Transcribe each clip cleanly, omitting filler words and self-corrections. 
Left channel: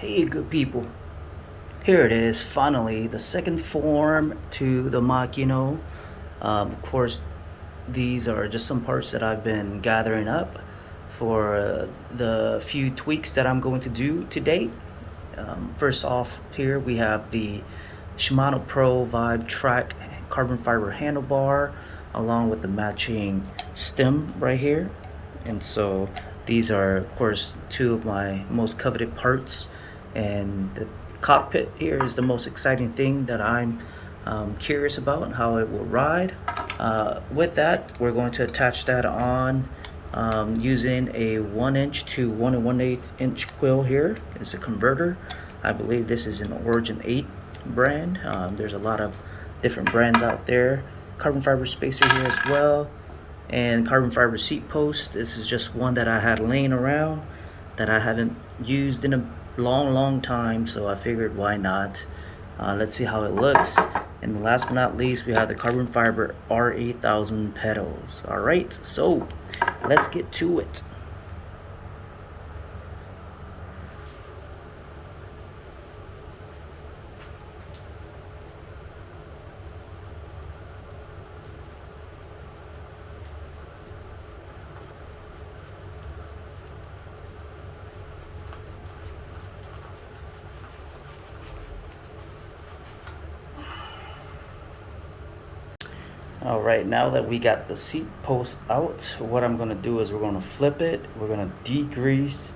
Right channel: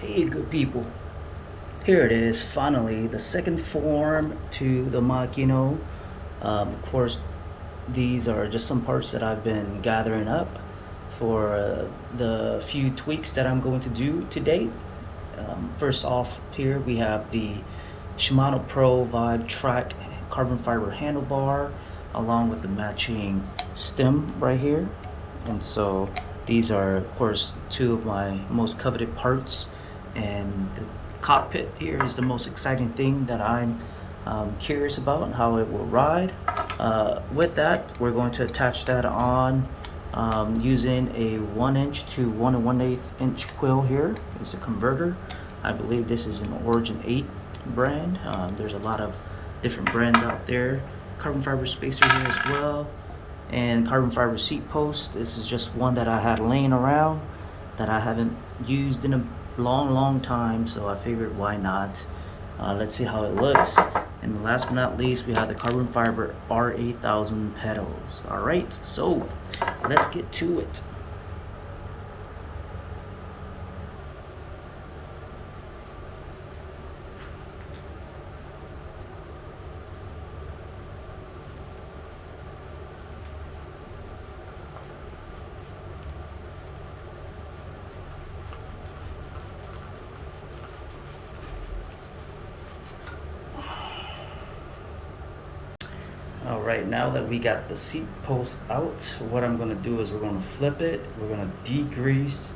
Hey, good people. Here it is, finally, the second form to the Makino. Of course, these are just some parts that I've been gathering up for the few tweaks that I'm going to do today. First off, here we have the Shimano Pro Vibe Track carbon fiber handlebar along with the matching stem right here. And so these are, of course, two of my most coveted parts. And the cockpit here is the most exciting thing that I'm curious about how it will ride. With that, we're going to attach that on using a 1" to 1 1/8 inch quill. Here is a converter. I believe this is an Origin 8 brand. There's a lot of different brands out there. Carbon fiber spacer here as well, and carbon fiber seat post. This is just one that I had laying around that I haven't used in a long time, so I figured why not. Let's see how it looks. And last but not least, we have the carbon fiber R8000 pedals. All right, so let's get to it. All right, now that we got the seat post out, what I'm gonna do is we're gonna flip it. We're gonna degrease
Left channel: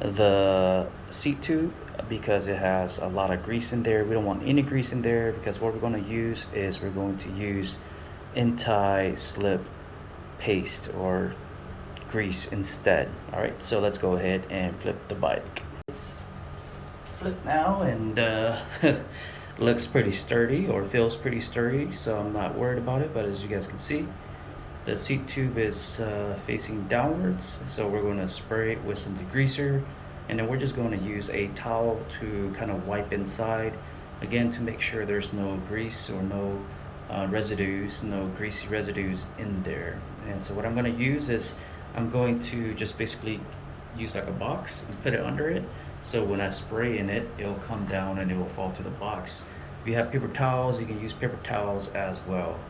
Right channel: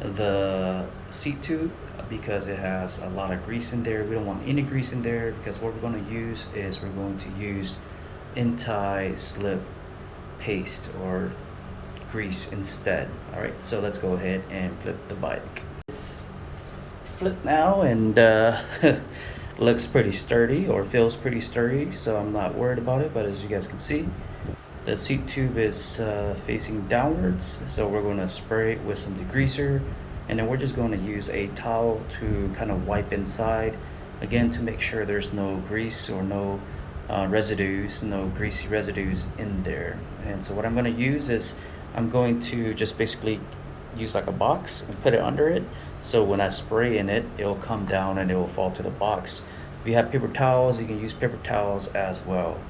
the seat tube because it has a lot of grease in there. We don't want any grease in there because what we're gonna use is we're going to use anti-slip paste or grease instead. All right, so let's go ahead and flip the bike. It's flipped now, and looks pretty sturdy, or feels pretty sturdy, so I'm not worried about it. But as you guys can see, the seat tube is facing downwards, so we're going to spray it with some degreaser, and then we're just going to use a towel to kind of wipe inside again to make sure there's no grease or no residues, no greasy residues in there. And so what I'm going to use is I'm going to just basically use like a box and put it under it, so when I spray in it, it'll come down and it will fall to the box. If you have paper towels, you can use paper towels as well.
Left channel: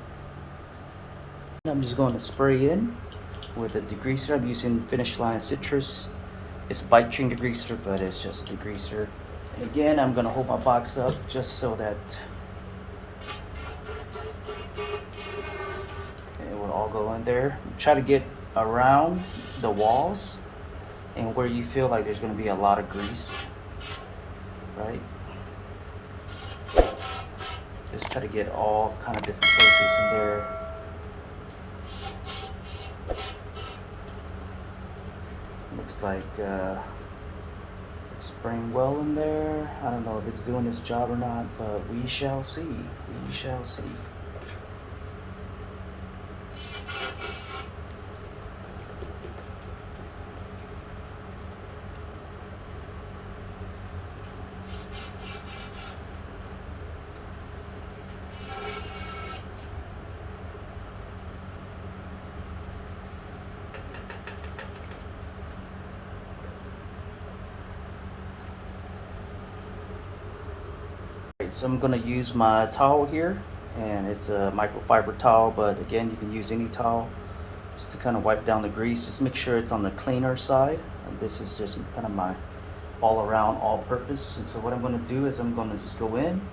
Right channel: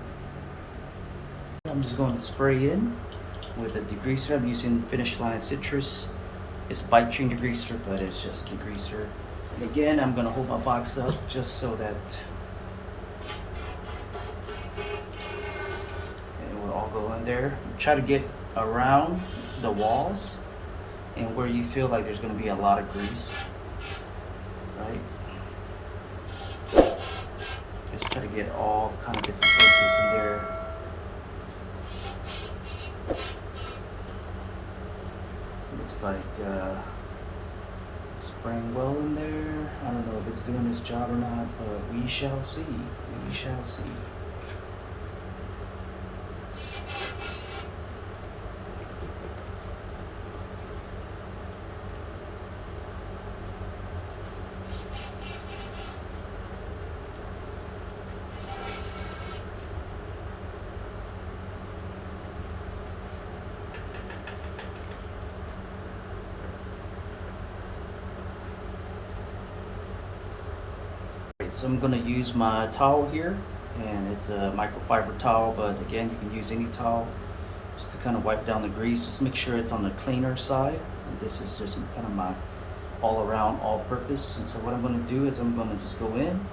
I'm just going to spray in with a degreaser. I'm using Finish Line Citrus. It's bike chain degreaser, but it's just a degreaser. And again, I'm going to hold my box up just so that it will all go in there. Try to get around the walls and where you feel like there's going to be a lot of grease, right? Just try to get all kind of different places in there. Looks like it's spraying well in there. I don't know if it's doing its job or not, but we shall see. We shall see. So I'm gonna use my towel here, and it's a microfiber towel, but again, you can use any towel just to kind of wipe down the grease. Just make sure it's on the cleaner side. And this is just kind of my all around, all purpose. And so what I'm gonna do is I'm gonna just go in,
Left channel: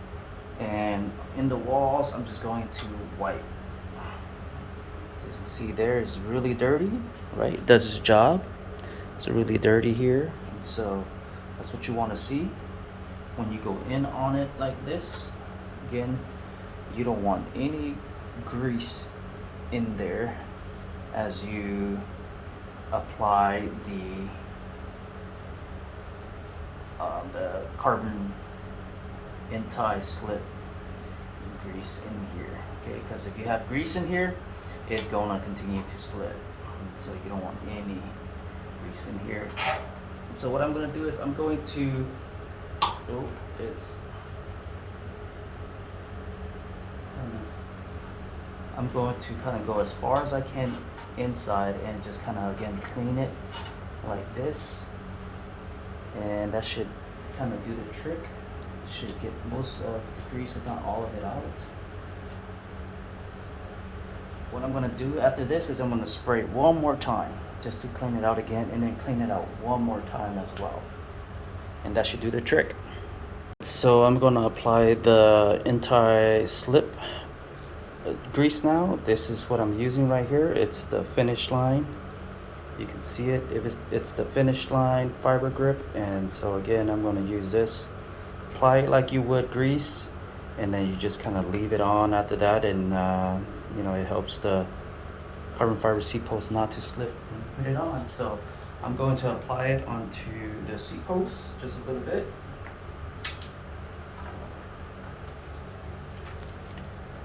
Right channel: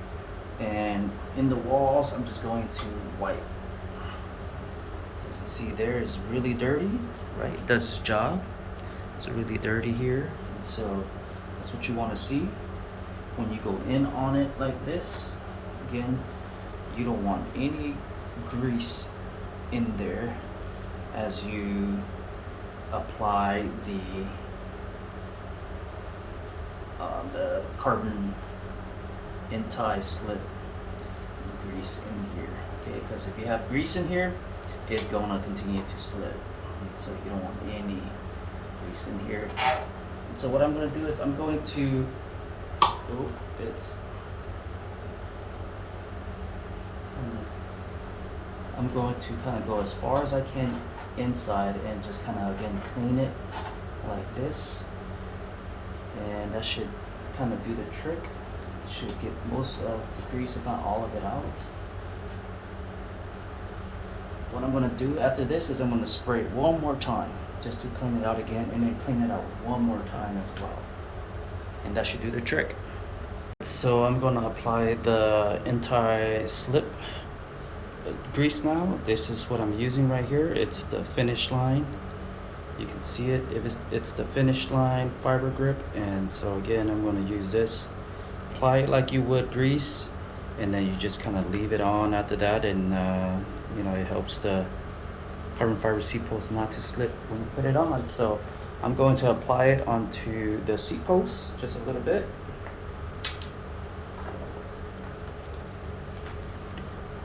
and in the walls, I'm just going to wipe. As you can see there, is really dirty, right? It does its job. It's really dirty here. And so that's what you wanna see. When you go in on it like this, again, you don't want any grease in there as you apply the carbon anti-slip grease in here, okay? Because if you have grease in here, it's gonna continue to slip, and so you don't want any grease in here. And so what I'm gonna do is I'm going to I'm going to kind of go as far as I can inside and just kind of again clean it like this, and that should kind of do the trick. Should get most of the grease, if not all of it, out. What I'm gonna do after this is I'm gonna spray it one more time just to clean it out again, and then clean it out one more time as well. And that should do the trick. So I'm gonna apply the anti-slip grease now. This is what I'm using right here. It's the finish line. You can see it. If it's the finish line fiber grip. And so again, I'm gonna use this. Apply it like you would grease, and then you just kind of leave it on after that, and you know, it helps the carbon fiber seat post not to slip when you put it on. So I'm going to apply it onto the seat post just a little bit.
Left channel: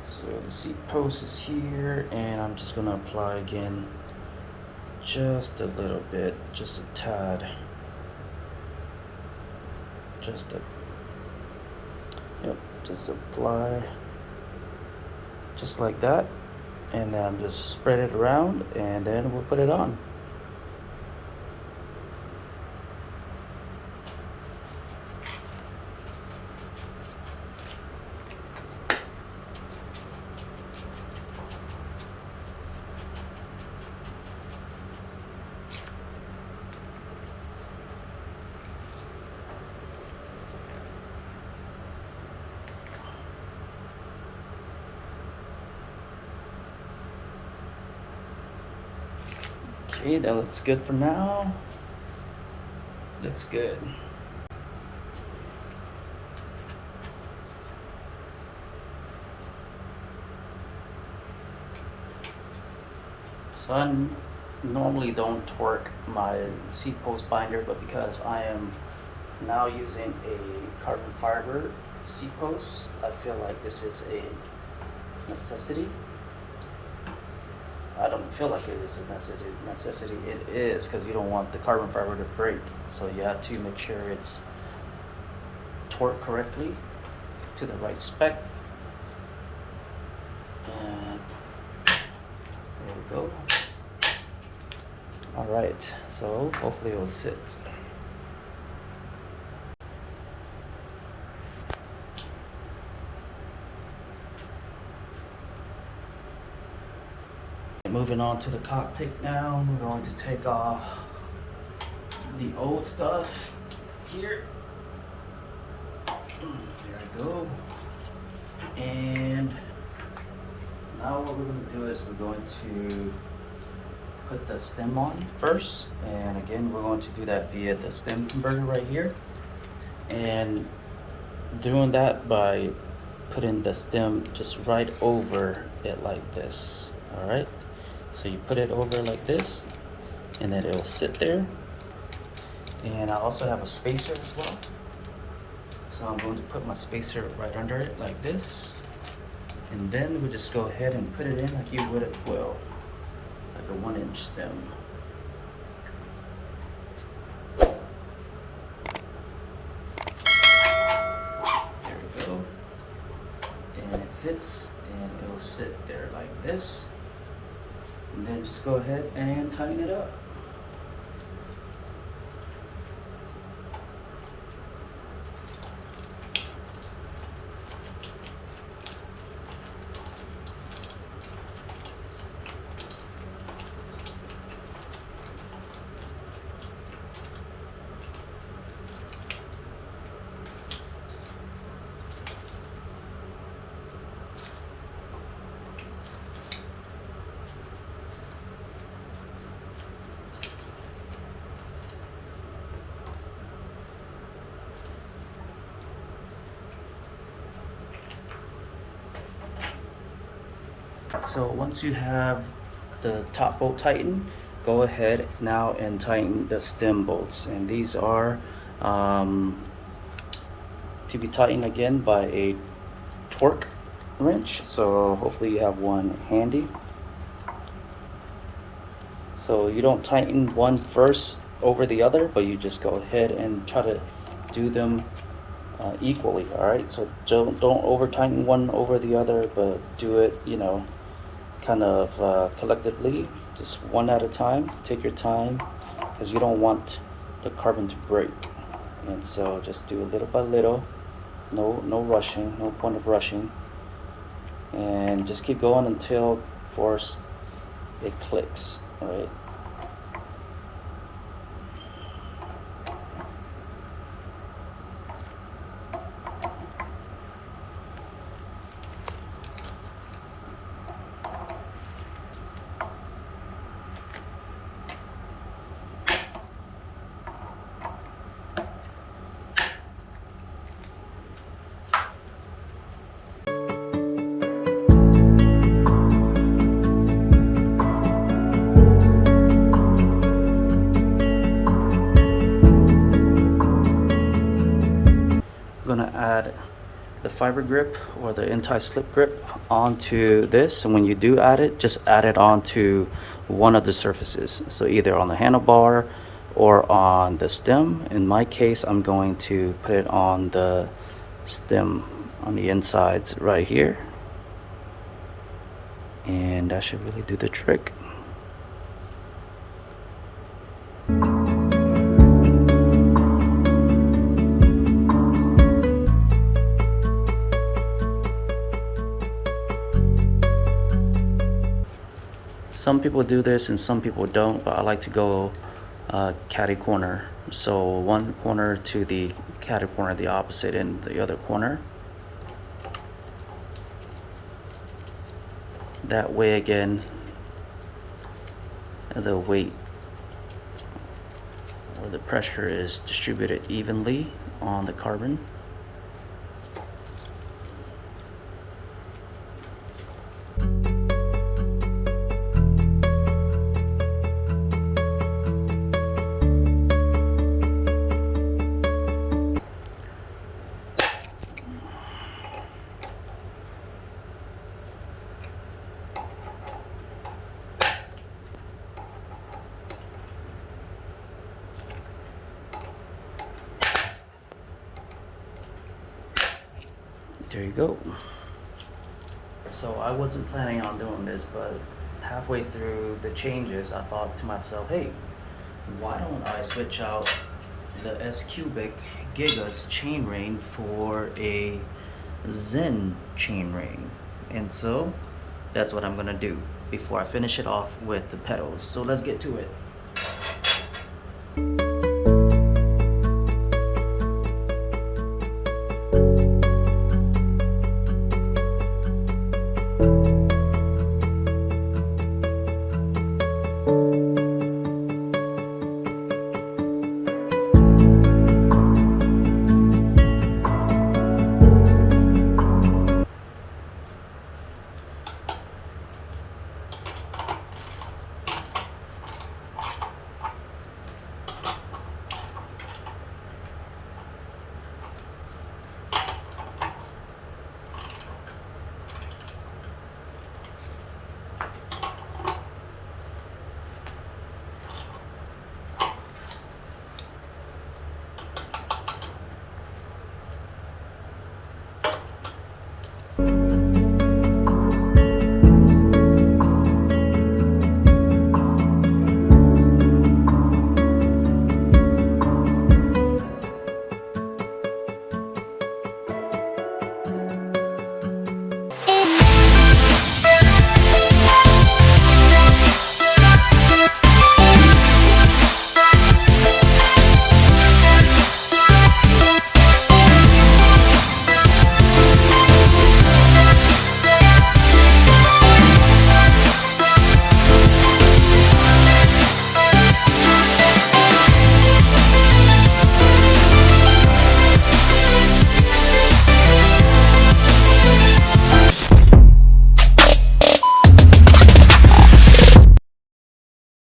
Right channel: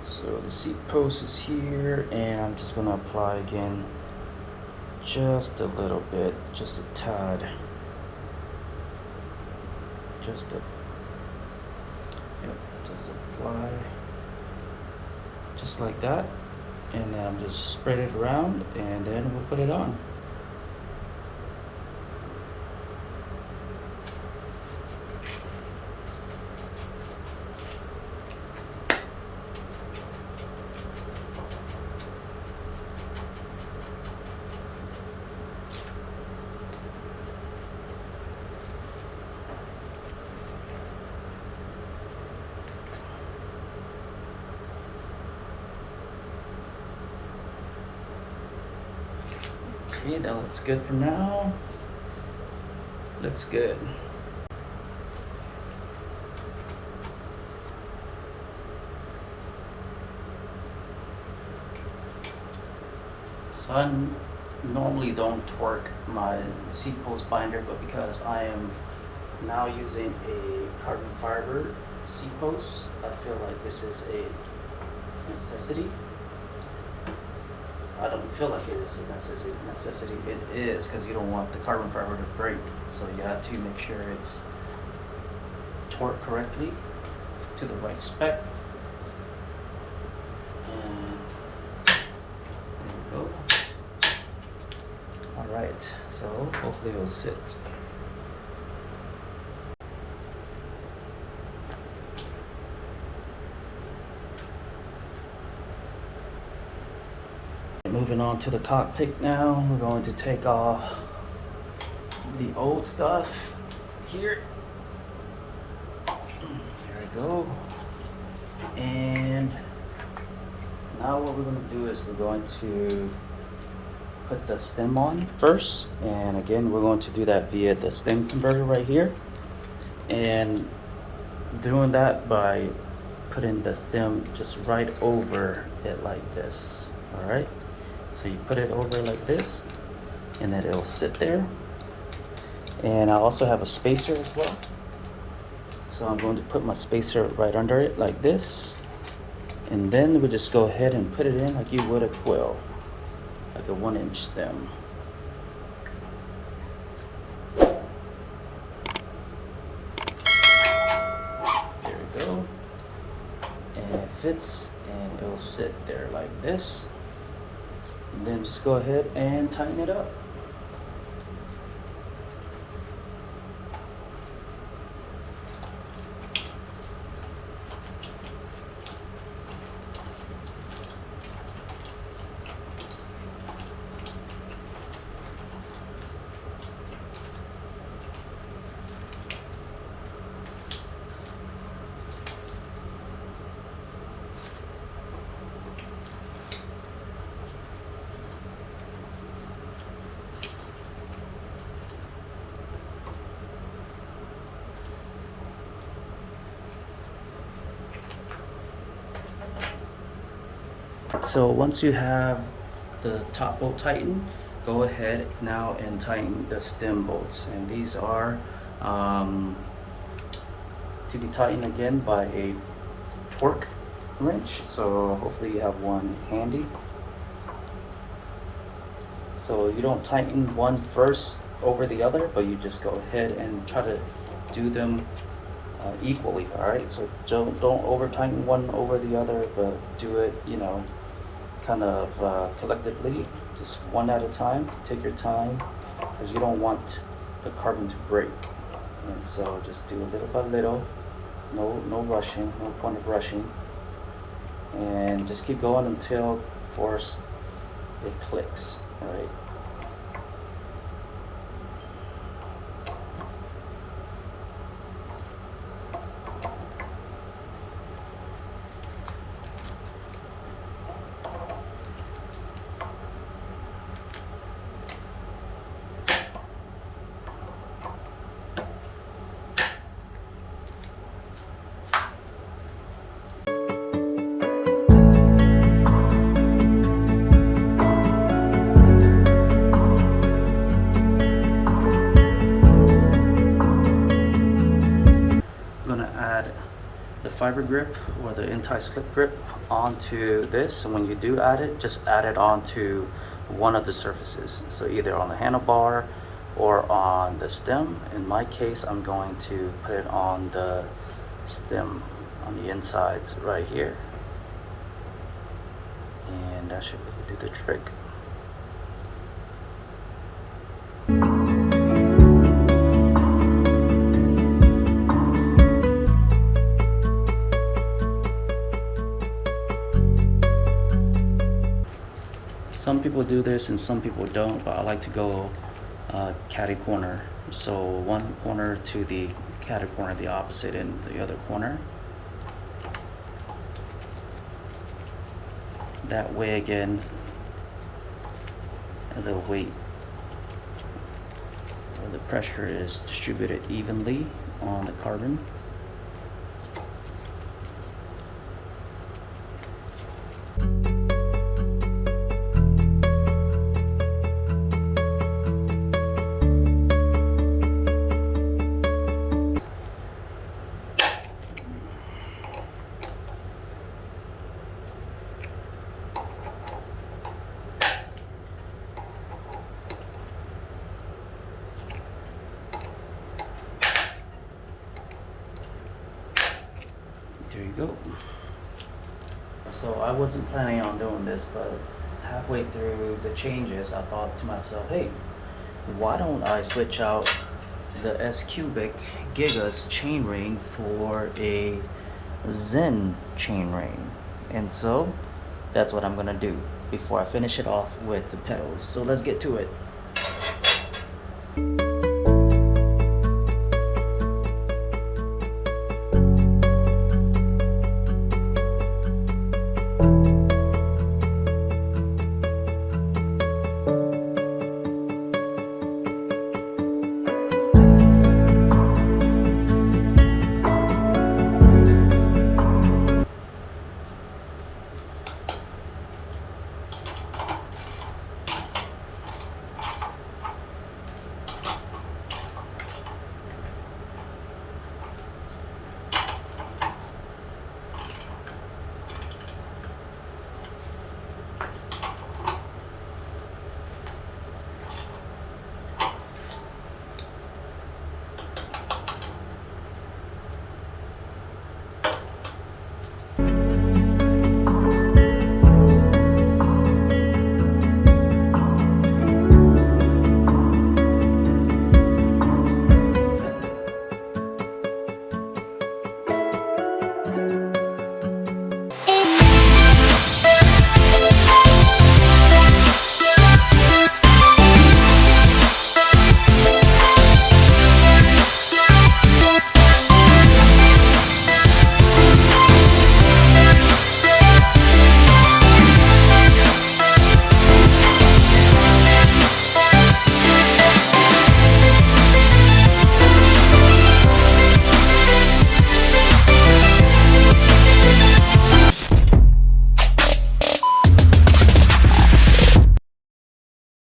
So the seat post is here, and I'm just gonna apply again just a little bit, just a tad, just apply just like that, and then just spread it around, and then we'll put it on. Okay, that looks good for now. Looks good. So I normally don't torque my seat post binder, but because I am now using a carbon fiber seat post, I feel like this is a necessity. I don't feel like it is a necessity. It is, because you don't want the carbon fiber to break. So you have to make sure it's torqued correctly to the right spec. And there we go. All right, so hopefully it'll sit. Moving on to the cockpit now, we're going to take off the old stuff here. There we go. And now what we're going to do is we're going to put the stem on first. And again, we're going to do that via the stem converter right here. And doing that by putting the stem just right over it like this. All right. So you put it over like this, and then it'll sit there. And I also have a spacer as well. So I'm going to put my spacer right under it like this. And then we'll just go ahead and put it in like you would a quill, like a 1-inch stem. There we go. And it fits, and it'll sit there like this. And then just go ahead and tighten it up. So once you have the top bolt tightened, go ahead now and tighten the stem bolts. And these are to be tightened again by a torque wrench. So hopefully you have one handy. So you don't tighten one first over the other, but you just go ahead and try to do them equally. All right, so don't over tighten one over the other, but do it, you know, kind of collectively, just one at a time. Take your time, because you don't want the carbon to break. And so just do little by little, no rushing, no point of rushing. And just keep going until, of course, it clicks, right? Gonna add the fiber grip or the anti-slip grip onto this, and when you do add it, just add it onto one of the surfaces, so either on the handlebar or on the stem. In my case, I'm going to put it on the stem on the insides right here, and that should really do the trick. Some people do this and some people don't, but I like to go catty corner. So one corner to the catty corner, the opposite, and the other corner. That way, again, the weight or the pressure is distributed evenly on the carbon. There you go. So I wasn't planning on doing this, but halfway through the changes, I thought to myself, hey, why don't I switch out the S cubic Gigas chainring for a Zen chainring? And so that's what I'm gonna do before I finish it off with the pedals. So let's get to it.